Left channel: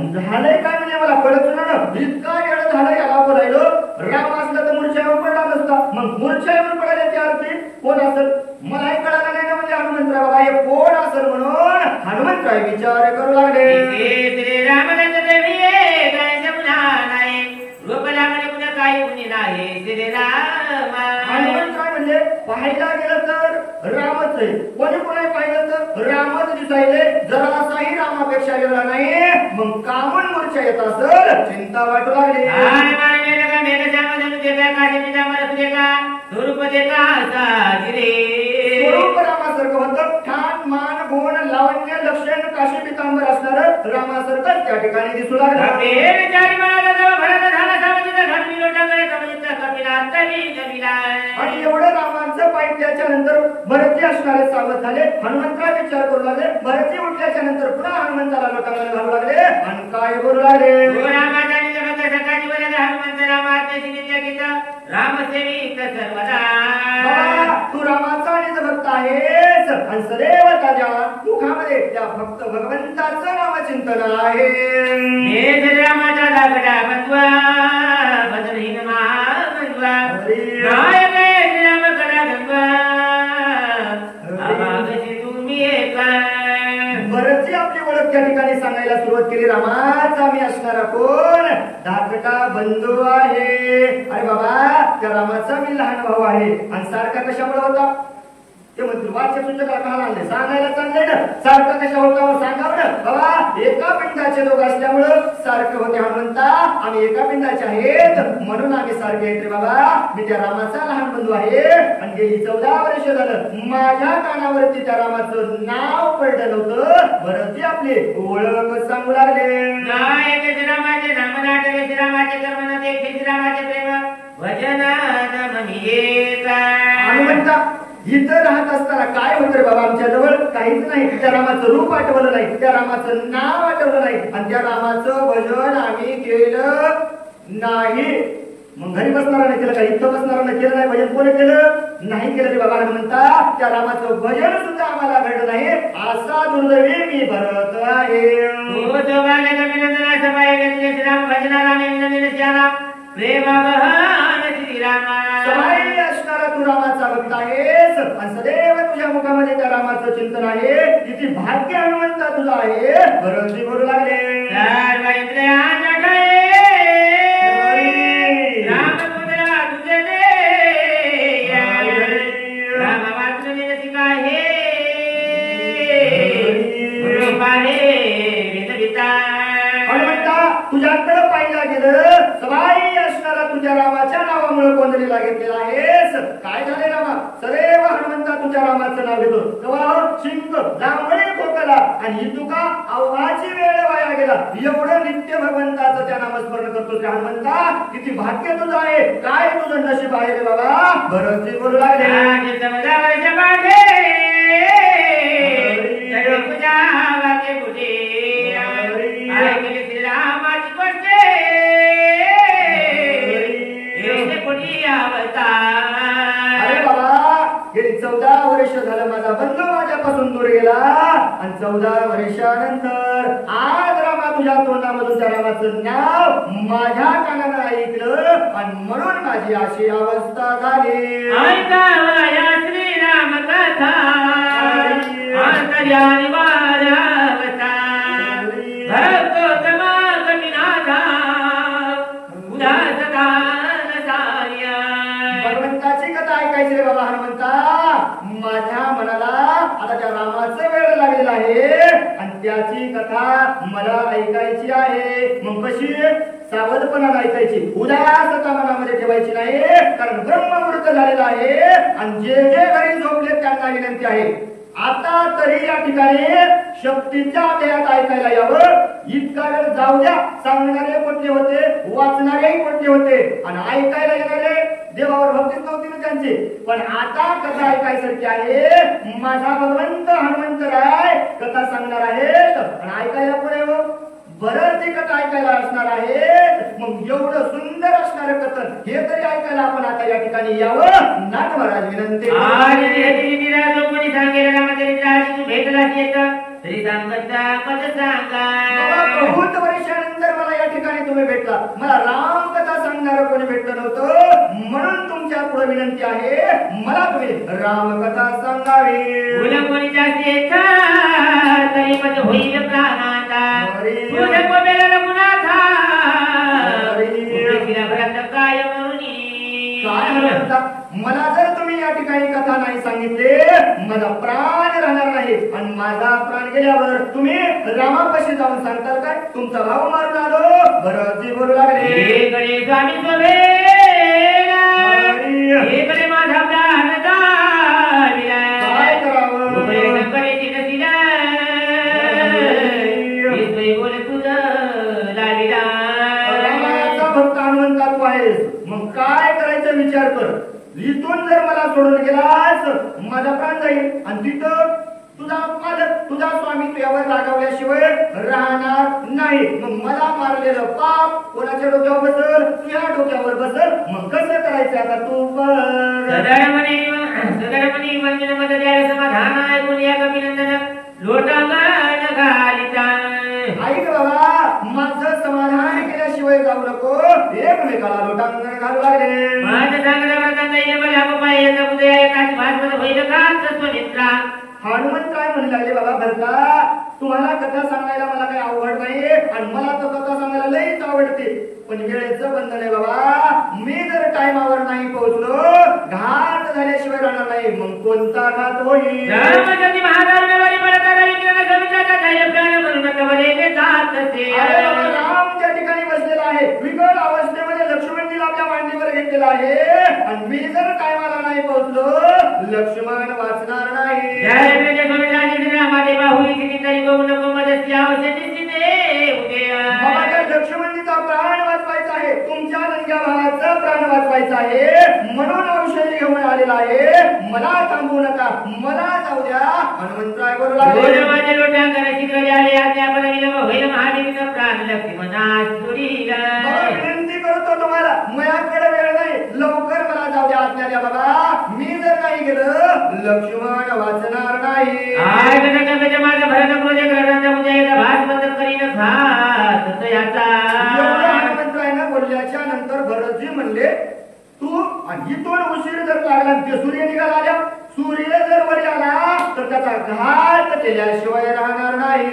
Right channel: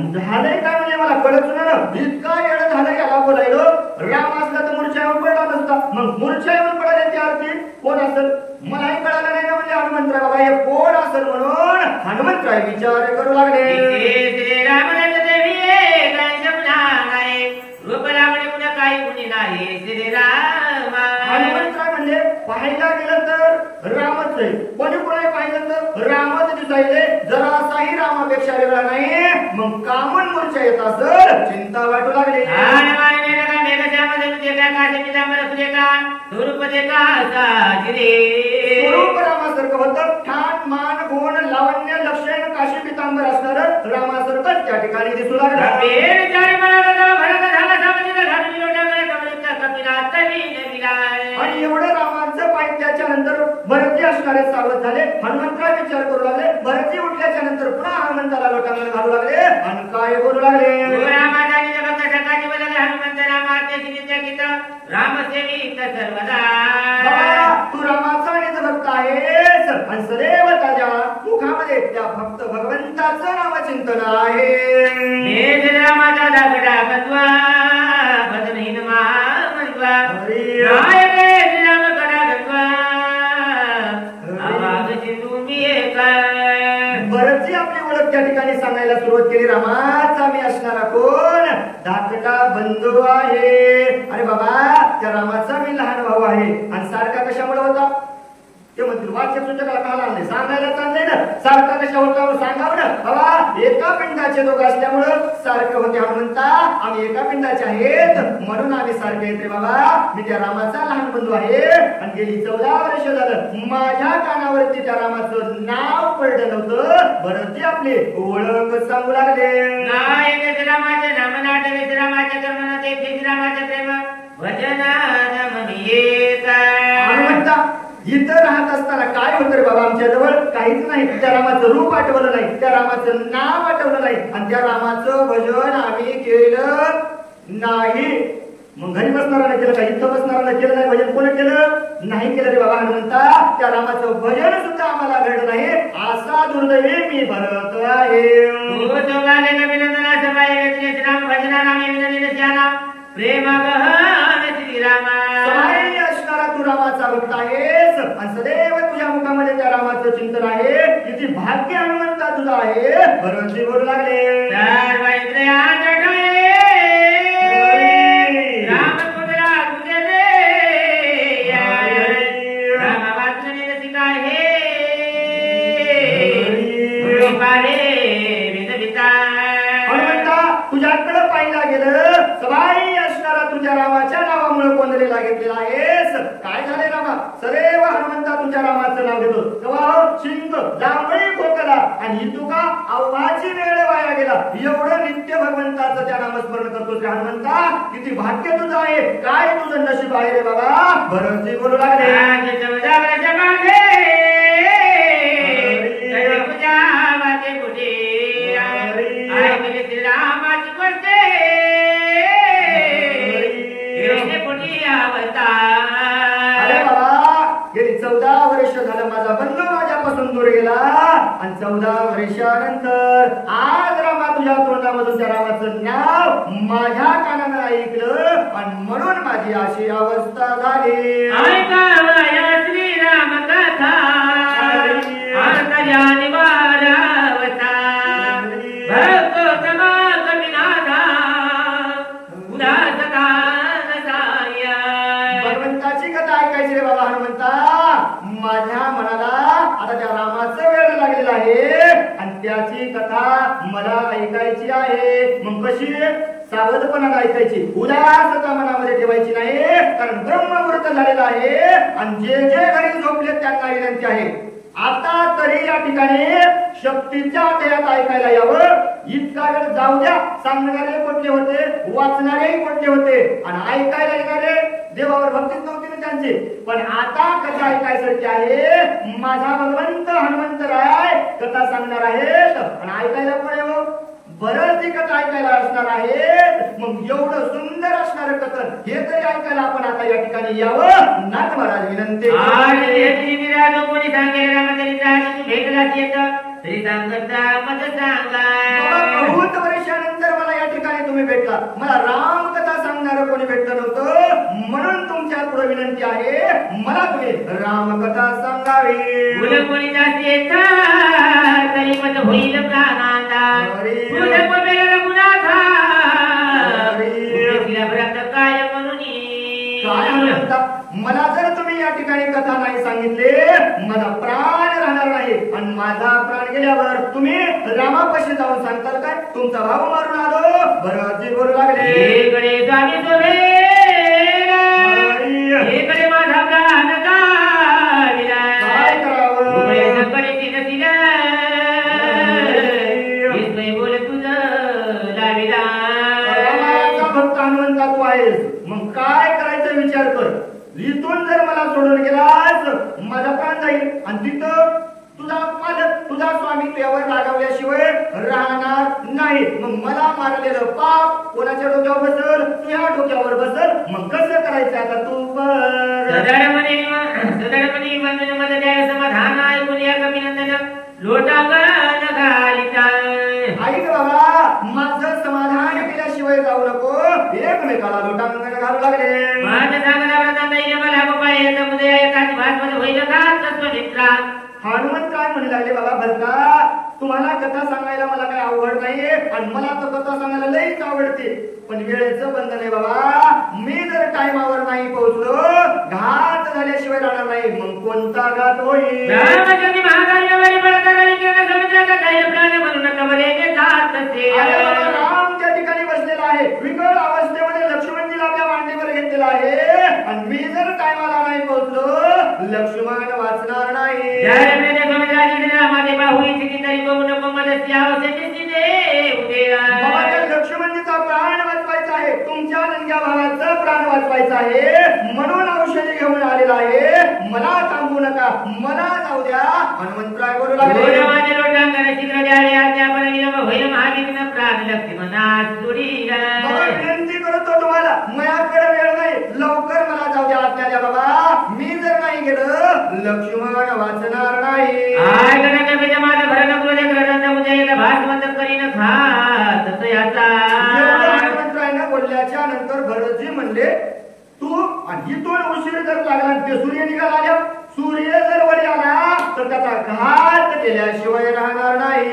झालंय काय म्हणजे मला कळत ना, इतका वेळ झाला याला बोलायलो. राम असला तर मूर्छेवर पडला नसता, मग मूर्छेवर पडायची आरती कोण असेल मलाही कळालं नाही ना. म्हणजे हनुमंतराय बाबा हे कोण असेल म्हणून हनुमंतराय विचार करू लागले. श्रीरामचंद्र देवी काय समजा नाही, रूपला म्हणजे कुठं काही गुणी नाही. श्रीराम हनुमंतराय म्हणजे पाहायला गेलं तर रामच आहे, कोणी कोणी पाहिलं तर रामच दिसायले. जरासाही रामापेक्षा वेगळा नाही, मग कामून मूर्छा येत असेल चिंता वाटू लागली. स्वरूप रामासारखं होतं, ठाण मान गुण लावण्य लक्षण काशी पितांबर असणार रामासारखं त्या ठिकाणी दिसू लागलं. आणि एवढं रामांचं पाहिल्याच्या नंतर भरती असणारे सावध झाले. हनुमंतराय विचार करू लागले. भरती उठल्याच्या नंतर पुन्हा हनुमंताला लोटांमध्ये घालू लागले आणि काय बोलू लागले. तू रामाचा आणि भक्त आहेस आणि सदैव त्याच्या मुखामध्ये त्या भक्त भगवंताचं नामचिंतन आहे. रामाचा दाखला बंधवा भजनहीन महामंत्वा श्रीराम करा गंधवा आवाजची तुम्ही एका. बरंच आपली ओळख त्या ठिकाणी सांगायला सुरुवात केली. रामाचा मी असणारा कोण धाकटा बंधू आहे. अरे बाबा त्या रामाचा मी लहान भाऊ आहे. आणि सारखा कशामुळे होता ते म्हणतील वाचक सुद्धा का लागले सांगायला चाललंय ना. सारखा कशा होता सांगावं ना बाबा. एका पिंडाचे लोक असल्यामुळं सारखं होते हनुमंता. आम्ही एका पिंडाचे आहेत म्हणून आम्ही सारखे आहेत रे बाबा. मी त्या रामाचा लहान बंधू आहे. आणि गेली 14 वर्ष झालं माझ्या कानावरती त्या रामाचं नाव पडलं नव्हतं. बरं ती आपली ओळख सांगू लागले. रामाचे नाम नाटे रामाचे कर्म ते रामाचे प्रेम वचन हनुमंता इथं राहत असताना काय होतं रे बाबा आमच्या जवळ काहीच नाही. त्या रामाचं रूप आठवलं नाही, त्या रामाचं नाव आठवलं नाही आणि त्या रामाचं भजन आम्ही केलं नाही. मग घरी बसणारा केलं का इथं बसणारा केलं नाही. भजन कोणी केलं नाही केलं रे बाबा हनुमंता. त्या रामाचं भजन सुद्धा आम्हाला घडलं नाही. असा दुर्दैवी मी भरत आहे. प्रेम सहाय्य असणारा तू रामाचा भक्त आहेस आणि सदैव तुझ्या मुखामध्ये त्या रामाचं चिंतन आहे. किती भाग्य हनुमंता तुझा आहे. बरोबर बोलू लागले. तुझ्याकडे पाहिला गेलं सवाई असणारा तुझ्या रामाच्या नावामुळे कोंदलेला घेतलेला आहेस. काय झाले रामा सदैव हनुमंता तुझ्या रामाचं नाव घेतो तेव्हा शिंक जांभळे खोकला आणि ही तुका अवघाची वेळ वाया गेला. एवढं नित्य भगवंताचं त्या नामस्मरण करतो हनुमंता. किती भाग्य तुझं आहे. काय तुझं नशीब आहे रे बाबा. बरंच बोलू लागले. अरे बाबा गेली 14 वर्ष झालं माझा बंधू माझ्यापासून दूर गेला आणि 14 वर्षानंतर आज रामा तुझ्या तोंडामधून त्या रामाचं नाव माझ्या कानानं ऐकलं आणि म्हणून माझी अशी अवस्था झाली. श्रीराम कथा भगवंताची कथा ऐकायची रे बाबा हनुमंता. माझ्या मनाला आता त्या रामाचं वेळ लागलेला आहे आणि त्याची कथा मला ऐकायची आहे. मग कशी सावधपणाला ऐकायची, उदासता मनामध्ये ठेवायची नाही. कारण ब्रह्ममुहूर्त झालेला आहे आणि जे जे घरी झोपले त्यांना विनंती आहे आता तरी या ठिकाणी शक्तीच्या देहात ऐकायला यावं. इतका वेळ जाऊ द्या. सांगणारे कोणते होते, वाचणारेही कोणते होते आणि ऐकायला येणारे देवावर भक्तीच नव्हती ना त्यांची. पण आता कथा ऐकायसाठी आहे. माझा भगवंत हनुमंतराय कथा सांगणार आहेत आणि ऐकायला पुढे बरंच ती कथा ऐकायला असणार आहेत. मग एवढं सुंदर असणार कथन हे तरी ऐकायला आपण आता या ठिकाणी यावं. नाथ महाराज विनंती. कोणी सांगेल भेटला तरी सांगता मत बाबा सांगा बहुत वर्षानंतर मला या ठिकाणी तुम्ही भेटला. मला रामकथा सांगणार कोणी भेटलं नव्हतं, म्हणून तुमच्या पुढे विनंती आहे, मला तुम्ही रामकथा सांगावी. फुल कोणी जास्ती तरी मत होईल प्राणाचा फुल कोणाला गुणाचा काय म्हणून काय म्हणतात, मला जर तुम्ही या ठिकाणी कथा नाही सांगितले, माझा प्राण राहणार नाही, आणि माझा प्राण गेल्यावर तुम्ही रामापाशी जाऊन सांगताल काय तुमचा भाव मारून आलो. बरं जी बोलू लागले, कडे स्वामी कडे माझा प्राण काय करावं. बोल तुझं लाडीला रामाचा भक्त हनुमंता तू आहेस, मग काय करायचा विचार कर. इथून जर मला सोडून गेलास माझा प्राण जाईल, आणि तिथं तुझा मालक तुझा स्वामी तुझ्यावर रागावल्याशिवाय राहणार नाही. मग मला मारलेलं पाप कोणाच्या डोक्यावर बसल, तुझ्या डोक्यावर बसल. मग कसं करायचं आता तू समाधान ऐकून या कपिनंदन लोटांगण घालिता ऐक बाबा, माझं समाधान केल्याशिवाय जाऊ नको. एकमेकाला लोटांगण घालू लागले. माझं चांगल्यावर त्यांना मला पाहिजे समुदय एकाच भाषेमध्ये होईल का तत्वनिष्ठा हनुमंत काय म्हणू लागले, बाबा भरता तुम्हाला कथा सांगायला मला काही आवड नाही, आणि मला तर कथा सांगायला लईच आवडते, पण वेळेचं बंधन आहे बाबा. मी जर टाइमावर नाही पोहोचलो, घात झाल्याशिवाय राहणार नाही. मग कोणता घात होईल. राम त्या ठिकाणी बसलेला आहे, विकळ अवस्थेमध्ये लक्ष्मणजीला आपल्या मांडीवर घेतलेला आहे, आणि मी जर टायमाला नाही पोहोचलो, लक्ष्मण वाचणार नाही. बाबा त्या लक्ष्मणजीचा प्राण वाचवायचा आहे, तुमच्या नंग्या भावाचा प्राण वाचवायचा आहे, म्हणून औषधी घेऊन आलेला आहे. मला थांबवू नका, मला जाऊ द्या. हनुमंतराय बोलू लागले, विनंती करतो तुम्हाला, माझ्याकडे वेळ नाही, लवकर मला जाऊ द्या, आज्ञा द्या बाबा. मी जर नाही गेलं लक्ष्मण वाचणार नाही. हनुमंतरायनं बोलल्याच्या नंतर भरतजी म्हणले, तू इथून उशीर जर लागला, ते सूर्य निघाला आल्या, सूर्य जर वरी आला तर त्याचा घात केल्याशिवाय राहणार नाही.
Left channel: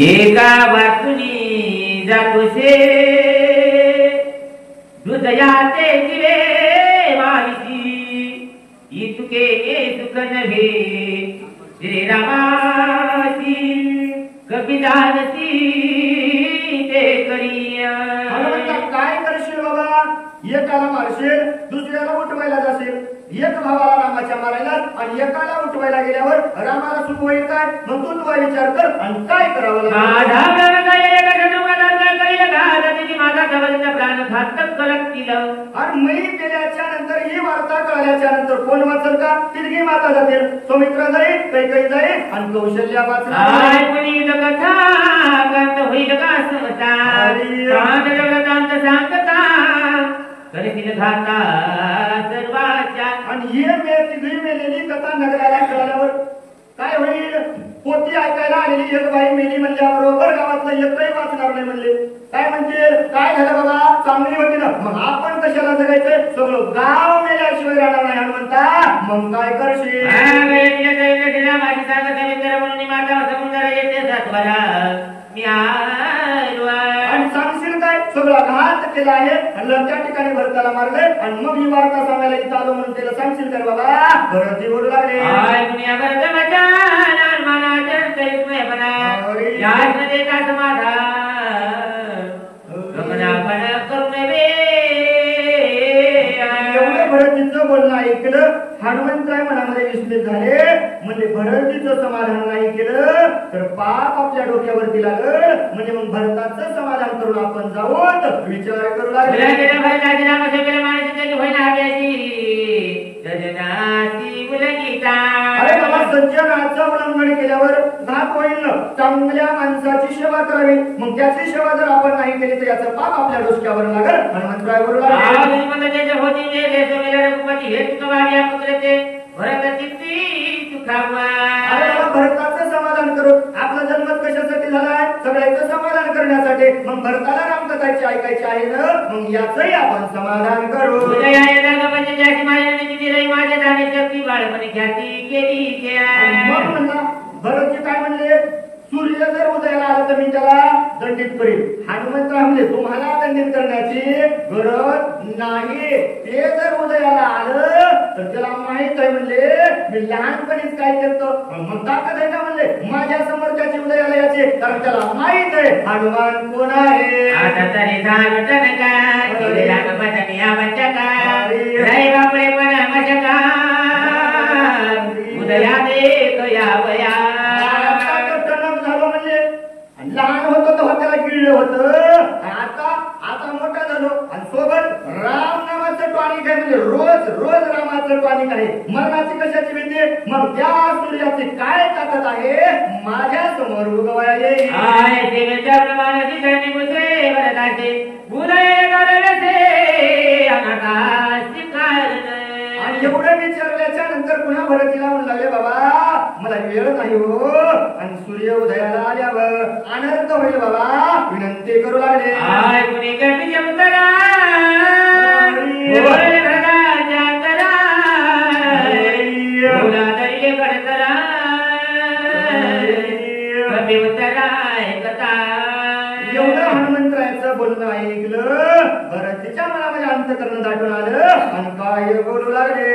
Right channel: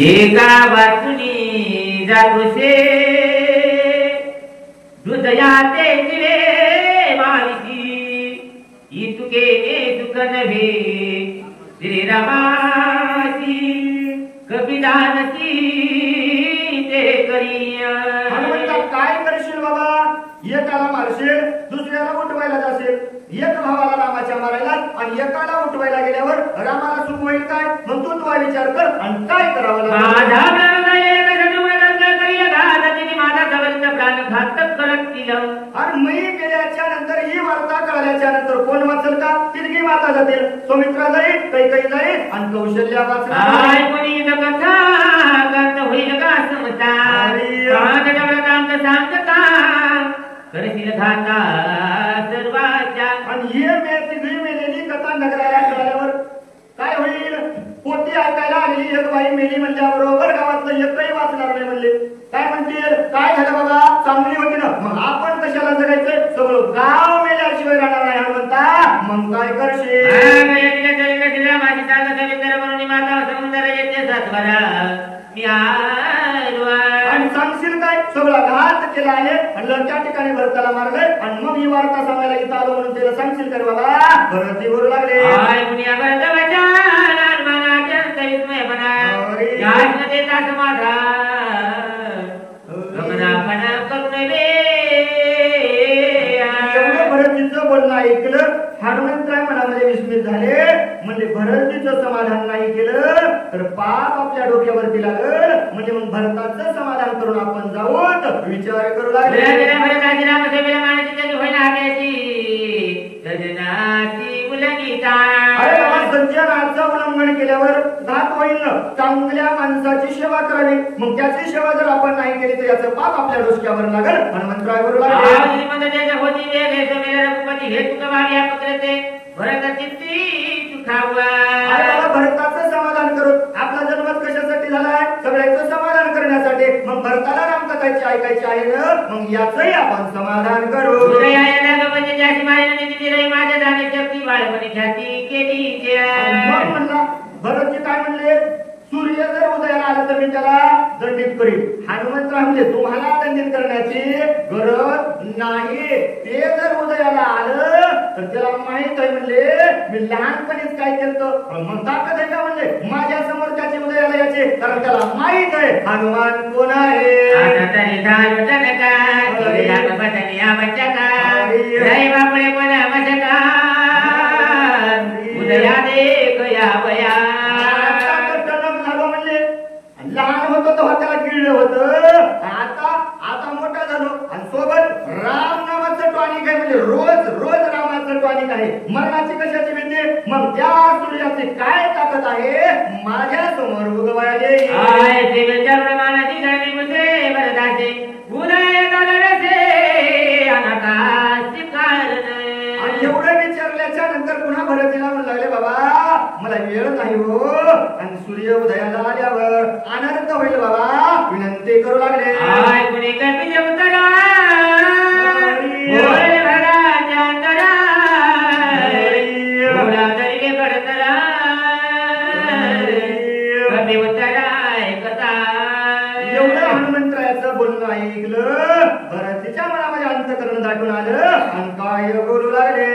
एका वाचुनी जातोसे हृदयाचे जिरे वाईची इतुके सुख नव्हे श्रीरामाची कपिदानची ते करी. हनुमंता काय करशील बाबा, एकाला मारशील, दुसऱ्याला उठवायला जाशील, एक भावाला रामाच्या मारायला, आणि एकाला उठवायला गेल्यावर रामाला सुख होईल काय. मग तू तुझा विचार कर, आणि काय करावं लागेल. माझा जवळचा प्राण घातक करतील. आणि मी गेल्याच्या नंतर ही वार्ता कळल्याच्या नंतर कोण वाचल का. तिरगी माता जातील, सौमित्रा जाईल, कैकई जाईल, आणि कौशल्या वाचणार. कथा होईल का समता सांगता करतील घाता सर्वाच्या. आणि हे तिघी मेलेली कथा नगराला कळल्यावर काय होईल. पोती ऐकायला आलेली एक बाई मेली म्हणल्याबरोबर गावातलं एकही वाचणार नाही म्हणले. काय म्हणतील, काय झालं बाबा, चांगली होती ना, मग आपण कशाला जगायचं, सगळं गाव मेल्याशिवाय राहणार नाही. हनुमंता मग काय करशील. आणि सांगशील काय, सगळा घात केला आहे, आणि त्या ठिकाणी भरताला मारलंय, आणि मग ही वार्ता सांगायला इथं आलो म्हणून तिला सांगशील तर बाबा. भरती बोलू लागले, भरतीचं बोलणं ऐकलं. हनुमंतराय मनामध्ये विस्मित झाले, म्हणजे भरतीचं समाधान नाही केलं तर पाप आपल्या डोक्यावरती लागल. म्हणजे मग भरताचं समाधान करून आपण जाऊन विचार करू लागले. अरे बाबा, सज्जनाचं उल्लंघन केल्यावर पाप होईल ना. चांगल्या माणसाची सेवा करावी. मग त्याची सेवा जर आपण नाही केली तर याचं पाप आपल्या डोसक्यावर लागल. हनुमंतराय बरोबर भरताचं समाधान करू. आपला जन्म कशासाठी झालाय? सगळ्याचं समाधान करण्यासाठी. मग भरताला रामकथाची ऐकायची आहे ना. मग याचंही आपण समाधान करू. मग म्हणला भरतजी काय म्हणले? सूर्य जर उदयाला आला तर मी त्याला दंडित करीन. हनुमंतराय म्हणजे तुम्हाला दंडित करण्याची गरज नाही. ते जर उदयाला आलं तर त्याला माहित आहे म्हणले मी लहानपणीच काय करतो. मग ताकद आहे का म्हणले माझ्या समोर त्याची उदयाला याचे. कारण त्याला माहित आहे हनुमान कोण आहे. उदया देख यावया. लहान होतो तेव्हा त्याला गिळलं होतं. आता मोठा झालो आणि सोबत राम नावाचं टॉनिक आहे. म्हणजे रोज रोज रामाचं टॉनिक आहे. मरणाची कशाची भीती? मग त्या सूर्याची काय ताकद आहे माझ्या समोर उगवायले. आणि एवढं विचारल्याच्या नंतर पुन्हा भरतीला म्हणू लागले बाबा मला वेळ नाही हो. आणि सूर्य उदयाला आल्यावर आनंद होईल बाबा विनंती करू लागले. एवढं हनुमंतरायाचं बोलणं ऐकलं भरतीच्या मनामध्ये अंतकरण दाटून आलं आणि काय बोलू लागले.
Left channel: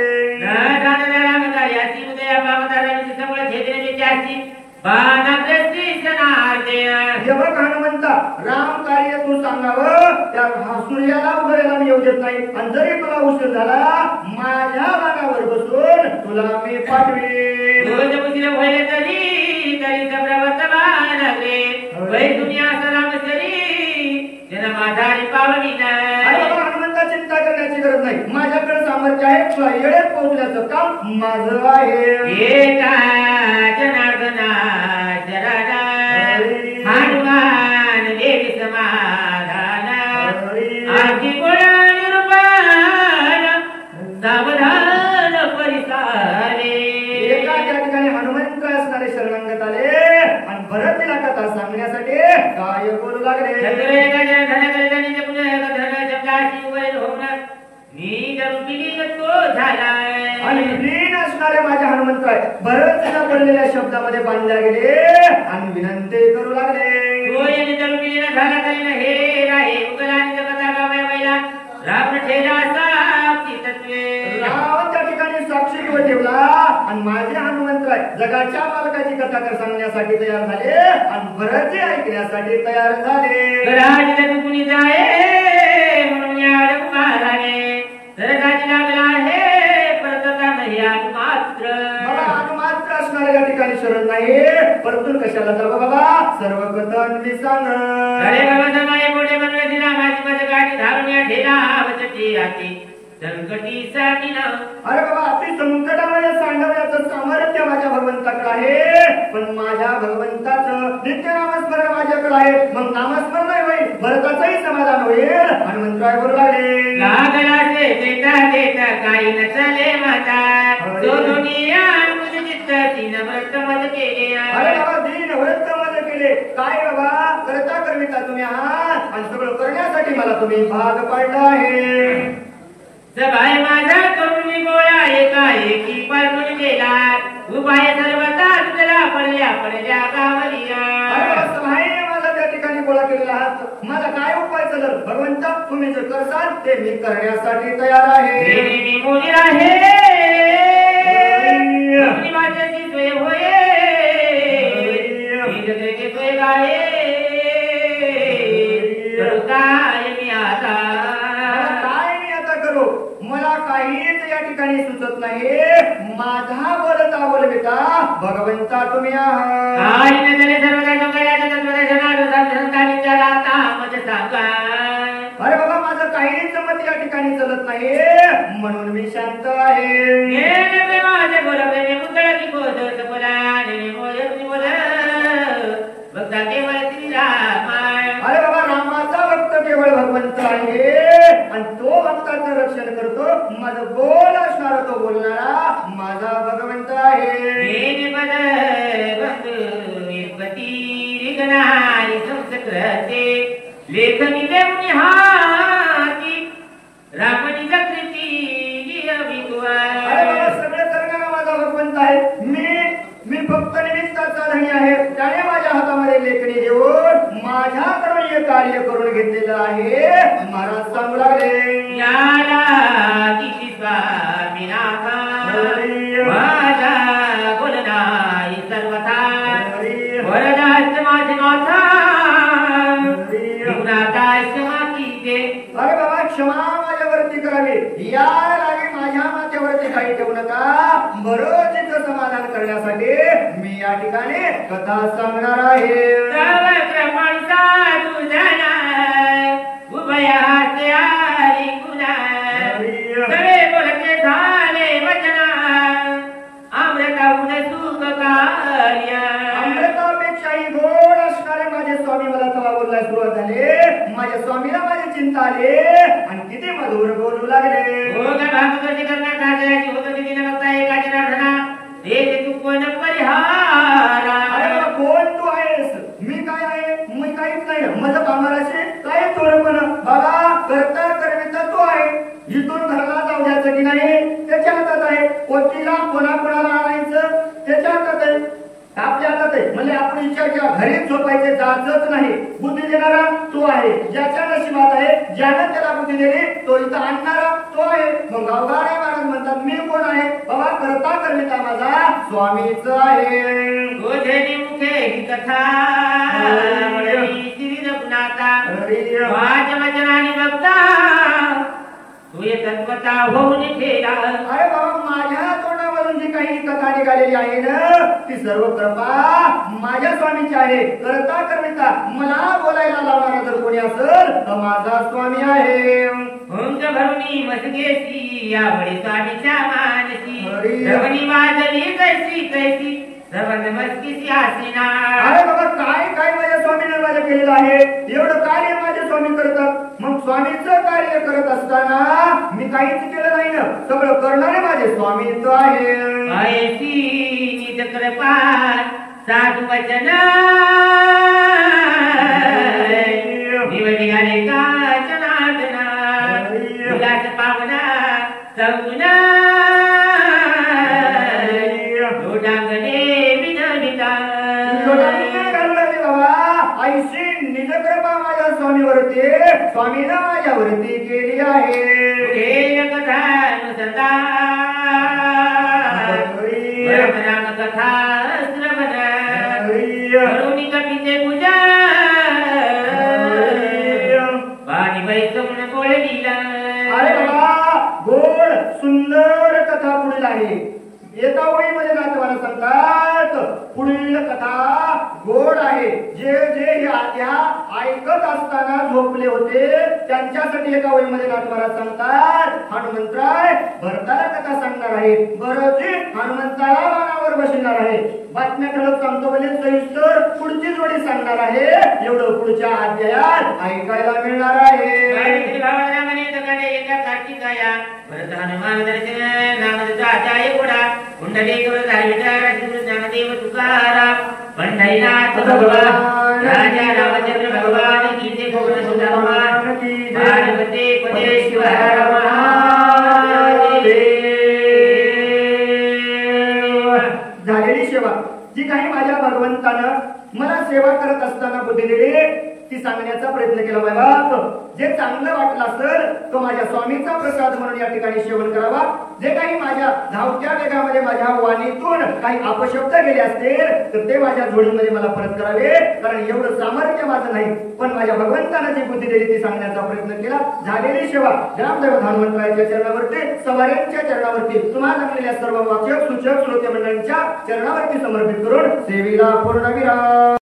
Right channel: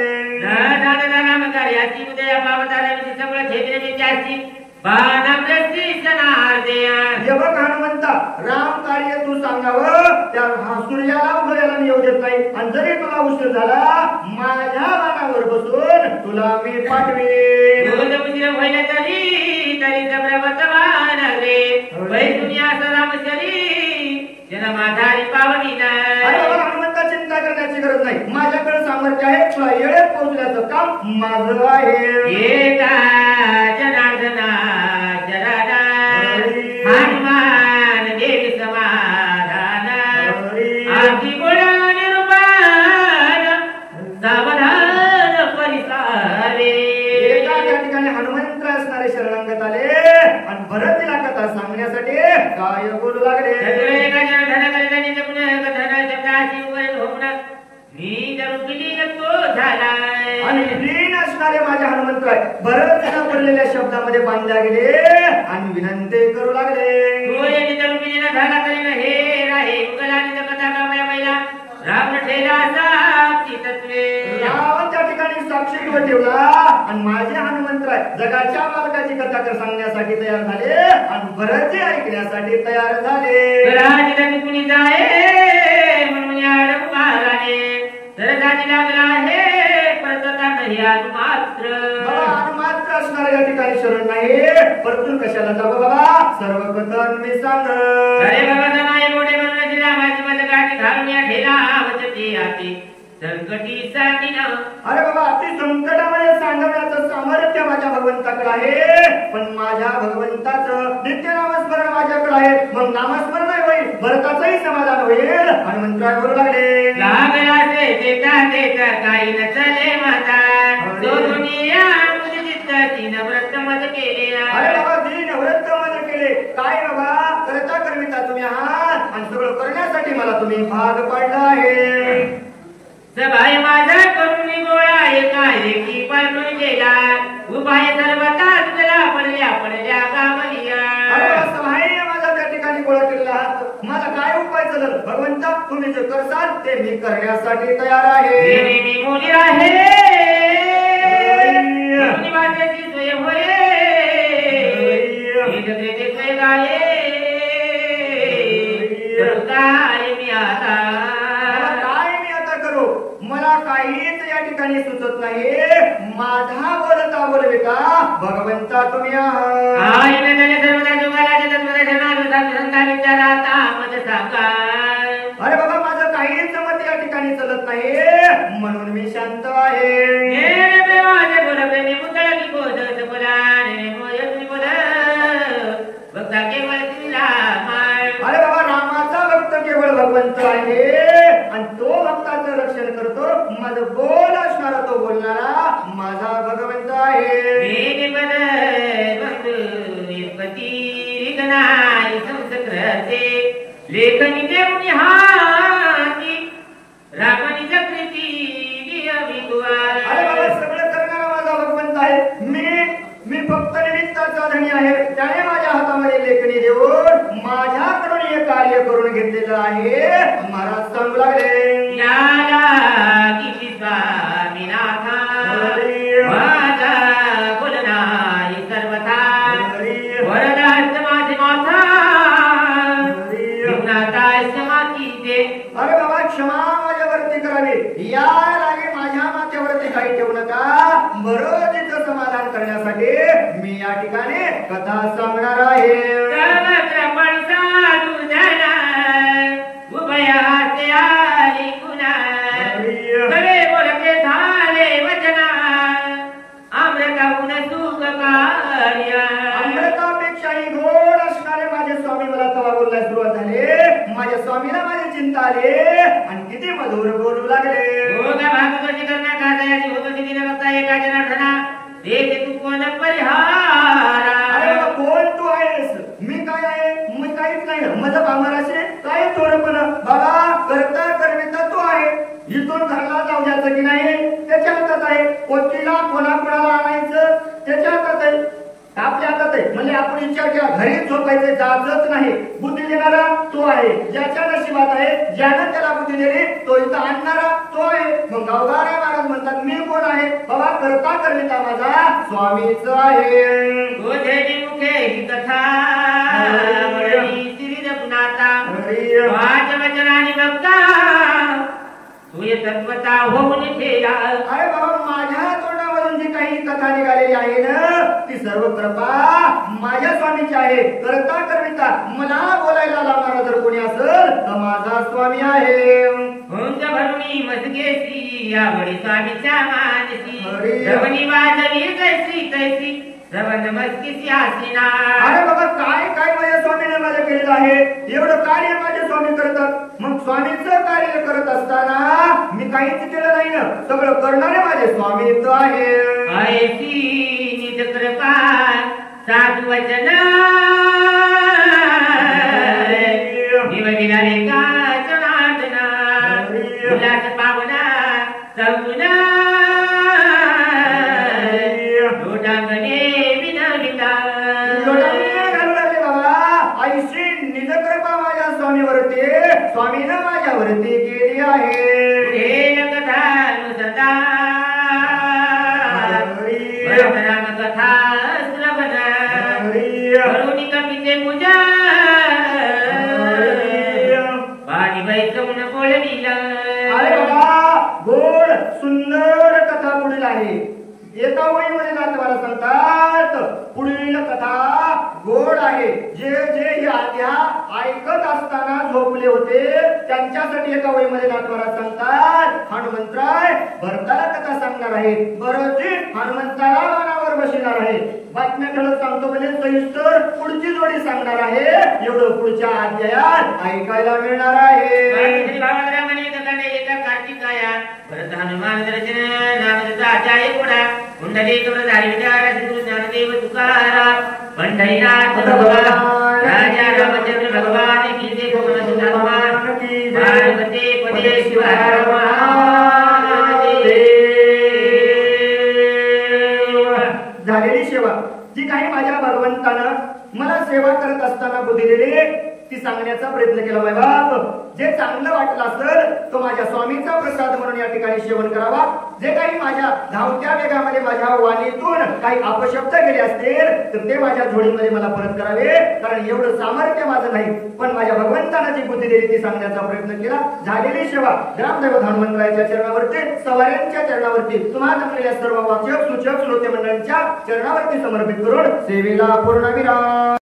हनुमंता राम कार्य तू सांगावं त्या सूर्याला उदयाला मी येऊ देत नाही. आणि जरी तुला उशीर झाला माझ्या बाणावर बसून तुला मी पाठवेन. हनुमंता चिंता करण्याची गरज नाही. माझ्याकडे सामर्थ्य आहे. तुला येळेत पोहोचण्याचं काम माझं आहे. जनार्दना जराना हनुमान देवी समाधान आरती गोळ्या निरूपण सावधान परिसारे. एका त्या ठिकाणी हनुमंत असणारे शरणांगत आले आणि भरतीला कथा सांगण्यासाठी काय बोलू लागले. आणि लीन असणारे माझे हनुमंतराय भरतीला पडलेल्या शब्दामध्ये बांधल्या गेले आणि विनंती करू लागले. रावण त्या ठिकाणी साक्षी ठेवला आणि माझे हनुमंतराय जगाच्या मालकाची कथा कर सांगण्यासाठी तयार झाले आणि भरतजी ऐकण्यासाठी तयार झाले. मात्र असणाऱ्या या ठिकाणी शरण नाही. परंतु कशाला जावं बाबा सर्व कथन मी सांग. अरे बाबा अति संकटामध्ये सांगण्याचं सामर्थ्य माझ्या भगवंताकडे आहे. पण माझ्या भगवंताचं नित्य नामस्मरण माझ्याकडे आहे. मग नामस्मरण होईल भरताचंही समाधान होईल. हनुमंतराय बोलू लागले. काही नसले माता अरे बाबा दीन व्रत मध्ये केले काय बाबा करता करविता तुम्ही आहात आणि सगळं करण्यासाठी मला तुम्ही भाग पाडला आहे. सभाय माझा करून गोळा एकाएकी पळून गेला. उपाय सर्वता तुला पडल्या गावलिया. सभाय माझा त्या ठिकाणी गोळा केलेला आहात. माझा काय उपाय चालल भगवंता तुम्ही जे करसाल ते मी करण्यासाठी तयार आहे. मोदी आहे माझ्याची सोय होय सोय गाये काय मी आता मला काहीच या ठिकाणी सुचत नाही. माझा बोलता बोलविता भगवंता तुम्ही आहात. अरे बाबा माझं काहीच मत या ठिकाणी चलत नाही म्हणून मी शांत आहे. केवळ भगवंत आहे आणि तो भक्ताचं रक्षण करतो. माझं बोल असणारा तो बोलणारा माझा भगवंत आहे. लेखनी रामणी चक्रीची अरे बाबा सगळं करणारा माझा भगवंत आहे. मी फक्त निमित्ताचा धनी आहे. त्याने माझ्या हातामध्ये लेखणी देऊन माझ्याकडून हे कार्य करून घेतलेलं आहे. महाराज सांगू लागले माझा बोलनाई सर्वथा वरदास माझे माथा अरे बाबा क्षमा माझ्यावरती करावी. या लागे माझ्या माथ्यावरती काही ठेवू नका. बरोबर तिचं समाधान करण्यासाठी मी या ठिकाणी कथा सांगणार आहे. उभयाचे आली गुना सगळे बोलते झाले वचना अमृताहून सुख कार्य. अमृतापेक्षाही गोड असणारे माझे स्वामी मला तवा बोलला सुरुवात झाले. माझ्या स्वामीला माझी चिंता आली आणि किती मधुर बोलू लागले. कोण तू आहेस? मी काय आहे? मी काहीच नाही. माझं बामराशे काय थोडंपण बाबा करता करविता तू आहे. इथून घरला जाऊ द्यायचं की नाही त्याच्या हातात आहे. कोटीला कोणाला आणायचं त्याच्या हातात आहे. आपल्या हातात आहे. म्हणजे आपण विचार केला घरीच झोपायचे जायचंच नाही. बुद्धी देणारा तो आहे. ज्याच्या नशिबात आहे ज्यानं त्याला बुद्धी दिली तो इथं आणणारा तो आहे. मग गावगारे महाराज म्हणतात मी कोण आहे? बाबा करता करविता माझा स्वामीच आहे. मुखे ही कथा माझ्या वचनाने बघता तुझे तत्वता होऊन ठेला. अरे बाबा माझ्या तोंडावरून जी काही कथा निघालेली आहे ना ती सर्व कृपा माझ्या स्वामीची आहे. करता करविता मला बोलायला लावणारा जर कोणी असेल तर माझा स्वामी आहे. उंच भरणी मसकेची यावडी स्वामीच्या मानसी रवणी वाजली कैसी कैसी रवन मस्कीची आसीना. अरे बाबा काय काय माझ्या स्वामीने माझ्या केलेलं आहे. एवढं कार्य माझे स्वामी करतात. मग स्वामीचं कार्य करत असताना मी काहीच केलं नाही ना. सगळं करणारे माझे स्वामीच आहे. ऐसी निज कृपा साधू वचन निवडिले का जनार्दना उल्हास पावना सगुना लोटांगणे विनविता. बाबा ऐशी निज कृपा माझ्या स्वामीवरती स्वामीनं माझ्यावरती केली आहे. कथा सदा कथा श्रवण करुणी कपीचे पूजा पाणी वैसवून बोललीला. अरे बाबा गोड सुंदर कथा पुढील आहे. एका वहीमध्ये नातेवाला सांगतात पुढील कथा गोड आहे. जे जे या ऐकत असताना झोपले होते त्यांच्यासाठी एका वहीमध्ये नातेवाला सांगतात हनुमंतराय भरताला कथा सांगणार आहे. बरंच हनुमंताला बाणावर बसणार आहे. बातम्या ठळक सांगतो म्हणजे सविस्तर पुढची जोडी सांगणार आहे. एवढं पुढच्या अध्यायात ऐकायला मिळणार आहे. एका कार्तिकाया भरत हनुमान दर्शन नामदाचाय पुढा कुंडलेश्वर ज्ञानदेव तुकाराम पंढरीनाथ भगवान राजा रामचंद्र भगवान की जय. गोवर्धन सुता भगवान पार्वती पते शिवहर महादेव. झालेली सेवा जी काही माझ्या भगवंतानं मला सेवा करत असताना बुद्धी दिली ती सांगण्याचा प्रयत्न केला. बाबा जे चांगलं वाटलं असेल तो माझ्या स्वामीचा प्रसाद म्हणून या ठिकाणी सेवन करावा. जे काही माझ्या धावत्या वेगामध्ये माझ्या वाणीतून काही अपशब्द गेले असतील तर ते माझ्या जोडीमध्ये मला परत करावे. कारण एवढं सामर्थ्य माझं नाही पण माझ्या भगवंतानं जी बुद्धी दिली ती सांगण्याचा प्रयत्न केला. झालेली सेवा ग्रामदैवत हनुमंतरायाच्या चरणावरती सवाऱ्यांच्या चरणावरती तुम्हाला जमलेल्या सर्व वाचक सूचक श्रोते मंडळींच्या चरणावरती समर्पित करून सेवेला पूर्ण विराम.